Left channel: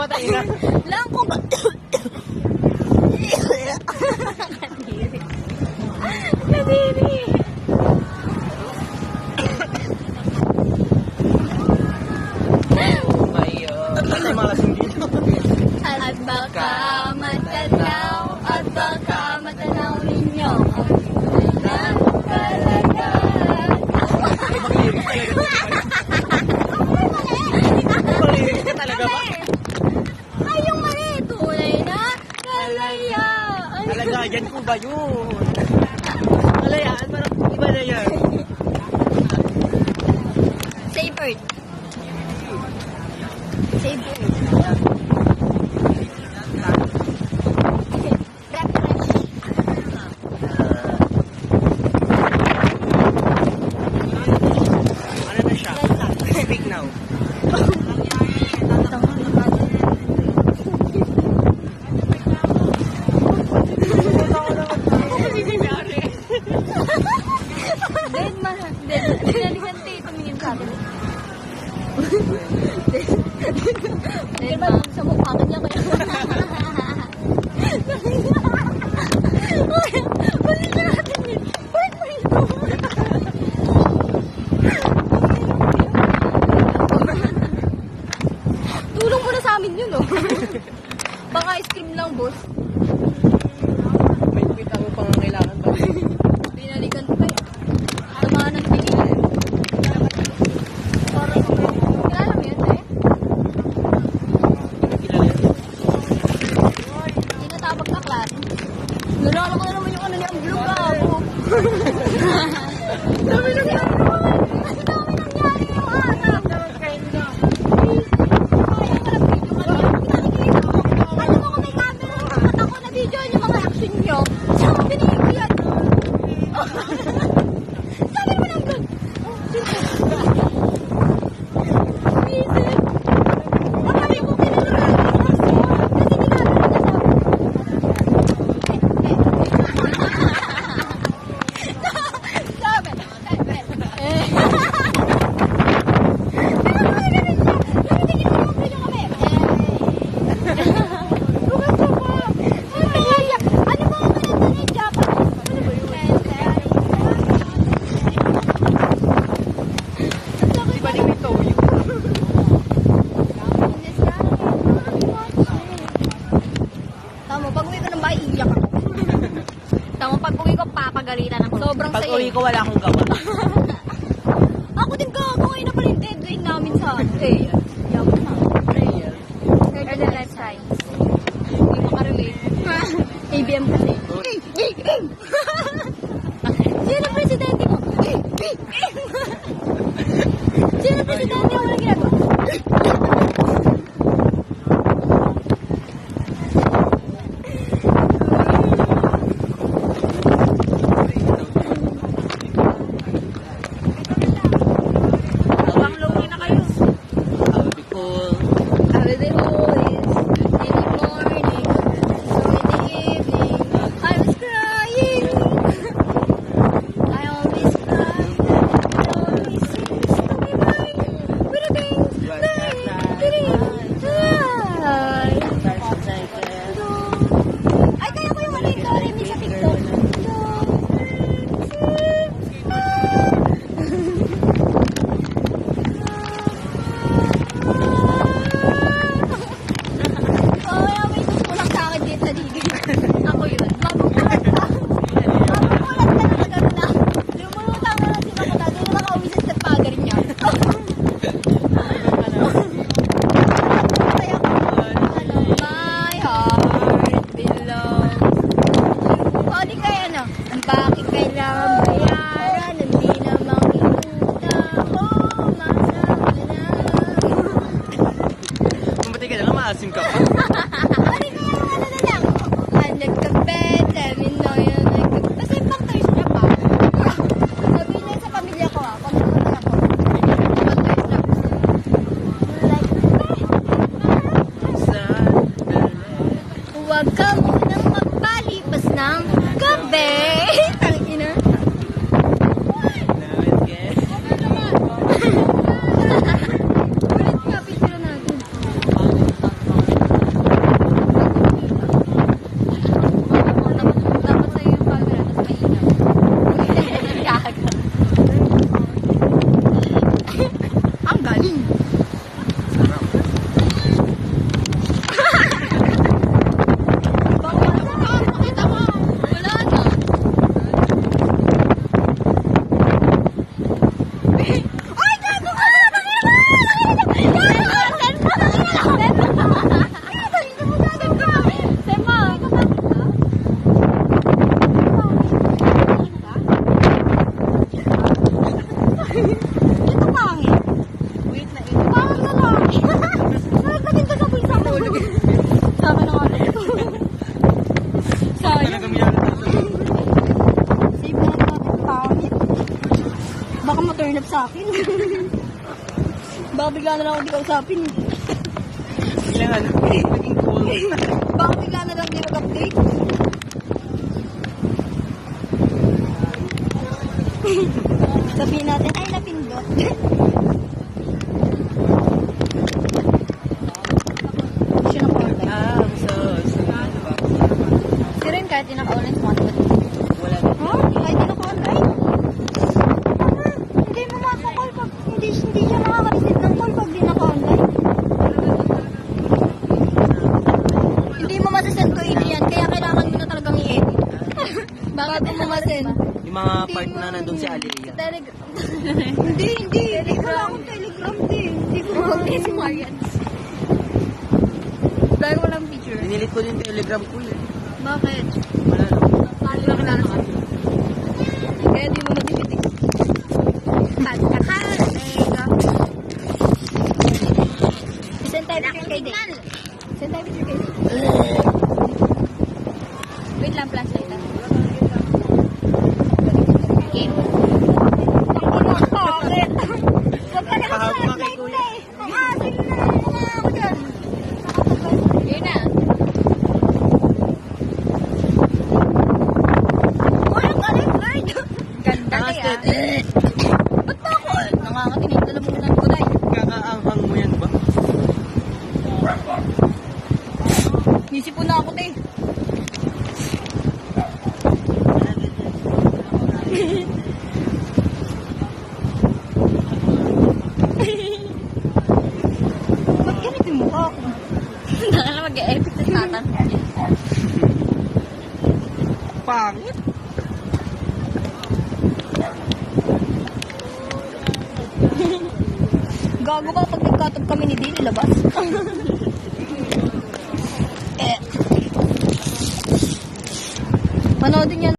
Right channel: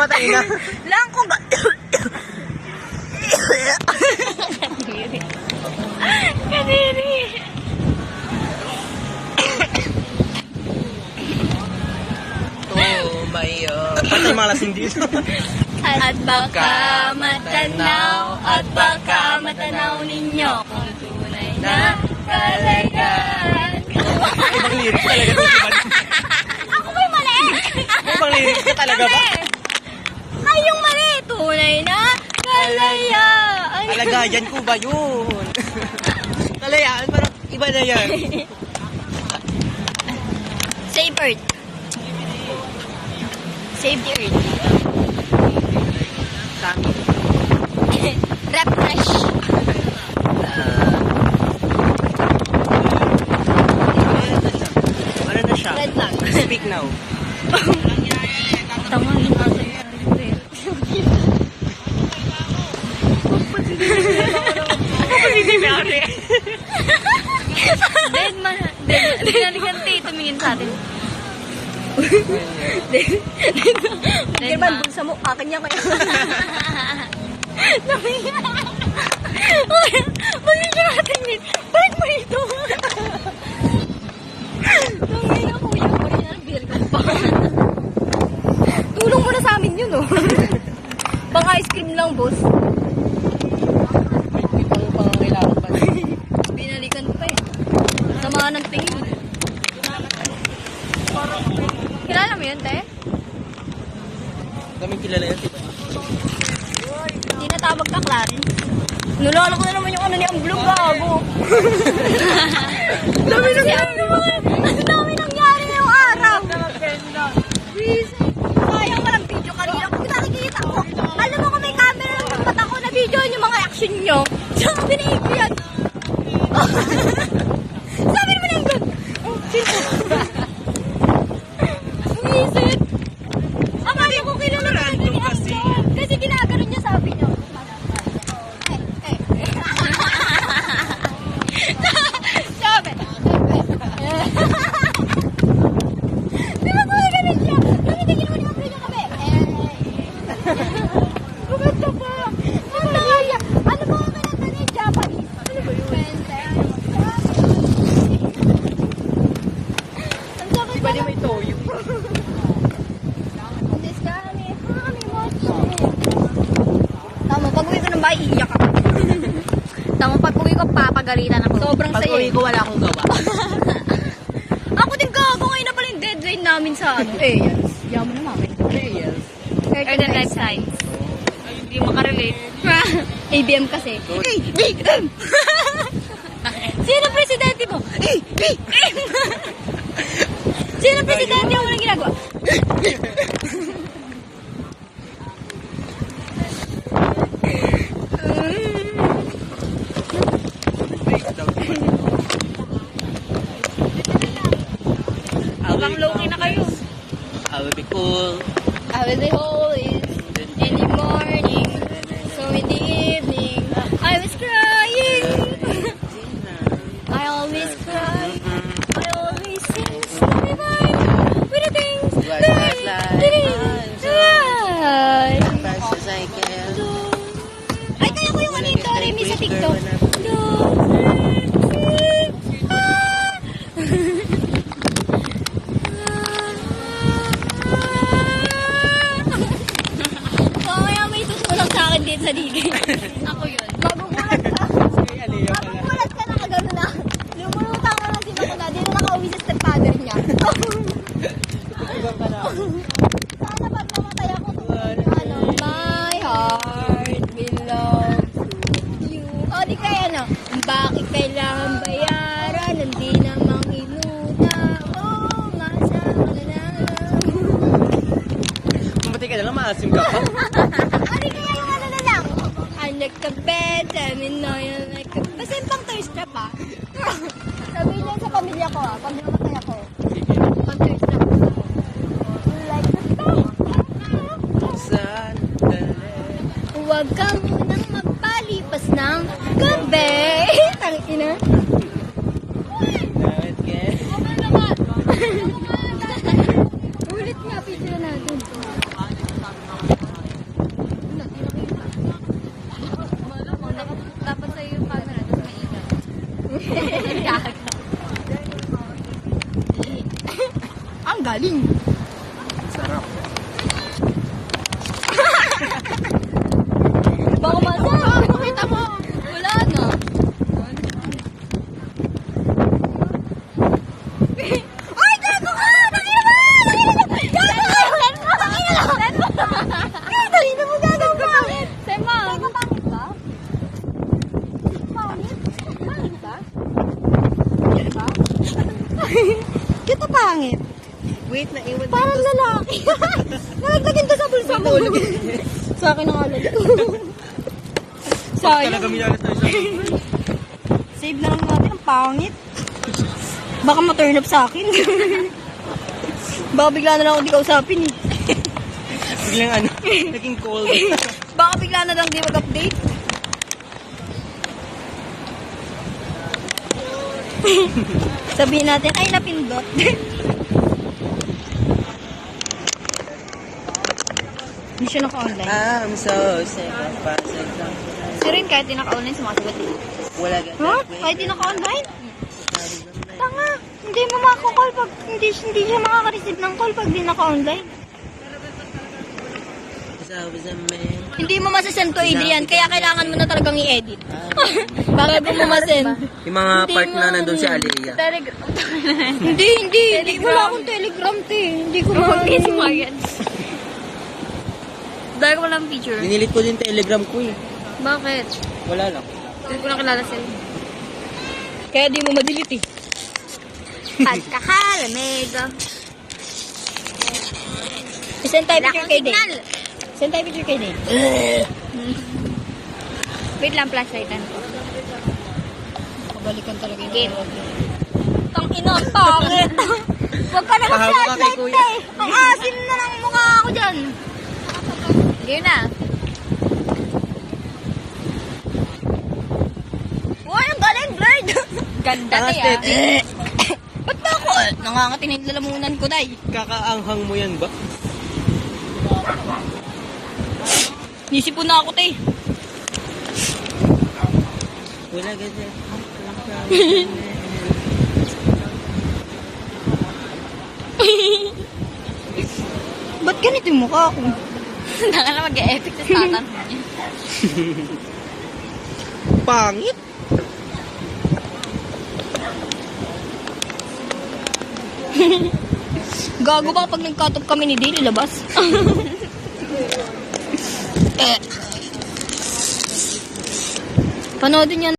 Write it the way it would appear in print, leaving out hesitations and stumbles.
mamamatay na. Lang ko ba? Kadiri. Oh, mayo. At malasing dito. At baka matanaw ninyo ang tunay na kalayaan. Ibang lyrics talaga. Ako may mali! Ibang lyrics ka talaga ba? Ay, yung mali! Tunay na kalayaan. Kalagayan ko ba yun? Kalayaan, parang iba na yan. Save Earth. Save the Earth. Refresh. Ano na siya? Red flag. Speak now. Tama. Dead man. Dead man. Tumingin sa atin. Dead man. Sa mukha kanya kayo. Tumingin. Tumingin natin yun. Bakit mo ito? Tulong mo na sa amin yun, oh. Baka ice cream lang, boss. May pitang pangangailangan pa. Binalikan pa eh. Tamaan ng tingin. Kilala mo yun, te? Kami kilala yan. Hindi natawag na Clarence. Nulala ko na naman yung ano ni Amblo, bago. Dami nangyari yung araw. Please. Sayang walang video kanina. Kung nakikita ko, alam mo kung may camera ng mata ko na video yung mga action nyo. Saan ko binigay ko yan? Sabi naman yung good. Isip. Akala ko kilala na yung action. Kasi ginagano niya sabi niyo. Sabi. Tama, pag-uwi ko ng bahay, iiyak ako. Tama, pag-uwi ko, papagalitan ako. Sobrang Pag saya. uwi ko, wala akong gawa. Ako din ka, ako ngayon na pala yung deadline namin sa ano. Yes. Real. Earth and Life Science. Hindi makarelate. ABM kasi. ABM! Sino presidente mo? ABM! Sino presidente mo na ginagawa? Pang low-key na kayo. I will be cool. I will be always in the morning, so in the evening, I was crying. I always cry. I always sing story mind with the things that I didn't. Fast as I can. Ay, kaya ko yung ano yung Doremi sa TikTok. Mamaya may tutulak sa akin dito sa digay. Ako yun. Magugulat ka. Magugulat ka na kagano na. Lumulutang na lang si Makuta. Di na nakauwi sa stepfather niya. Iba ka na. Kaya my heart belongs to you. O, di kaya ano? Bakit kailangan bayaran? Hindi namang inutang mo. Masama na. Mamatay ka na lang, maasim ka pa. Ano kaya yung ano na lang? Ay, nagkabet, sabi na yan, nagkabet. Kasi yung pang thirst trap ah. Sabi na sa pamilya ko ah, pag namatay ako. Pang thirst trap. Like the Huwag ka munang magpalipas ng gabi. Tangina. Ulit nga, picture natin. Sa akin ang ano. Sayang. Save na lang natin. Ang pangit. Baka ma-turn up sa akin. Baka bigla na lang ako di kausapin eh. Biglang ano, naging cold. Baka bigla na lang di mag-update. Sabihin natin, ay napindot. Hindi siya naka-online. I'm so sad. Si Rin kahit di naka-online, sumasagot. Wala na. Ha? Kahit di naka-online? Tama. Hindi mo makakall pag hindi siya makaka-receive ng call pag di naka-online. Hindi mo masasend to Adrian, kaya kailangan mo na talagang i-edit. Bago mo masend. Yung mga Hindi part mo na nandun si Aliyah. Telegram. Hindi. Wala akong Telegram, te. Hindi ko Hindi si Marian. Dahil ko walang picture. Dinilit ko din Telegram ko eh. Bakit? Wala na. Hindi ko lang kilala siya. Kaya di mo madelete eh. Pagkakalamig. Send tayo Wala picture akong kay signal. Dave. Send tayo picture kay Dave. Wait lang, flashlightan. Balik ka talaga. Game. Tangina, ang pangit. Huwag ka na Pahaba kay mag-flashlight, Kuya. te. Ang asin na ng mukha ako dyan. Yun na. Uy, ang galit, Lord. Ganda na Tapos, yan. Ba't ba ako? Nangangatinit na lamunan ko, day. kakaanghang mo yan ba? Nisipon na ako, te. Wala ganyan. Ba't ganito yung mukha ko? Naka na mag-e-epic sa statan. Pangit. Gago ba pag nagkatop kami ni Dale, ilabas? Panoodin yan.